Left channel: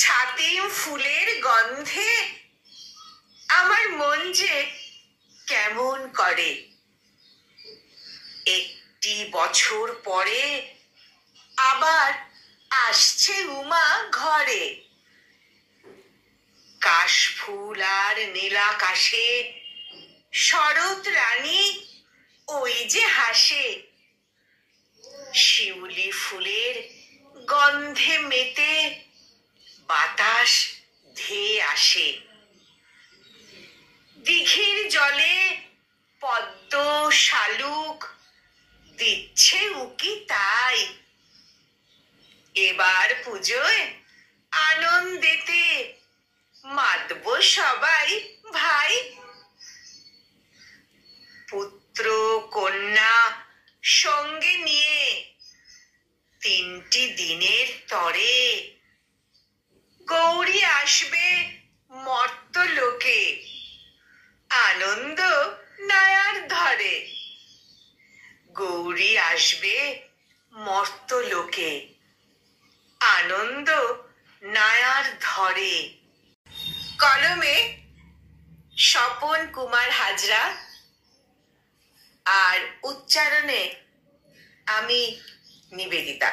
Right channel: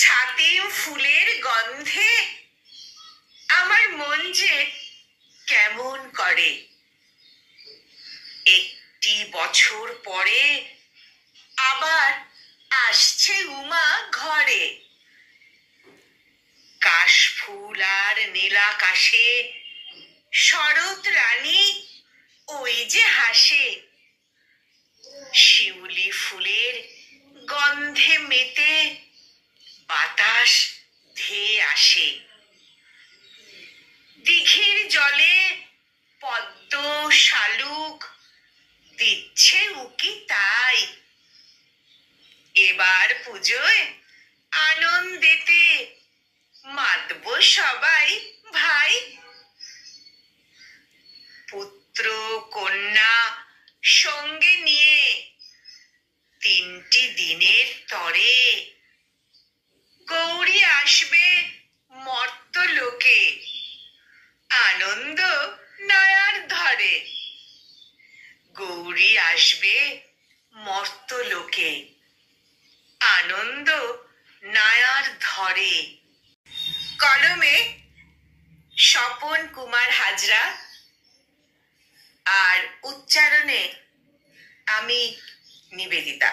ছাতিম ফুলের গন্ধে আমার মন যে কেমন করে। একটি বছর পরে আবার আসছে উমা ঘরে। কাশফুল আর নীলাকাশে শরৎ রানী ওই যে হাসে। শিউলি ফুলের গন্ধে মেতে বাতাস ধেয়ে আসে। দিঘির জলে পদ্ম শালুক দিচ্ছে উকি তাই। এবার পুজোয় আনন্দেতে মাতব সবাই ভাই। পুত্র কন্যা সঙ্গে নিয়ে 3টি দিনের তরে গৌরী আসবে মর্তলোকে। আনন্দ নয়ার ধরে। গৌরী আসবে মর্তলোকে। আনন্দ নয়ার ধরে। কলমে স্বপন কুমার হাজরা আর উচ্চারণে আমি নিবেদিতা।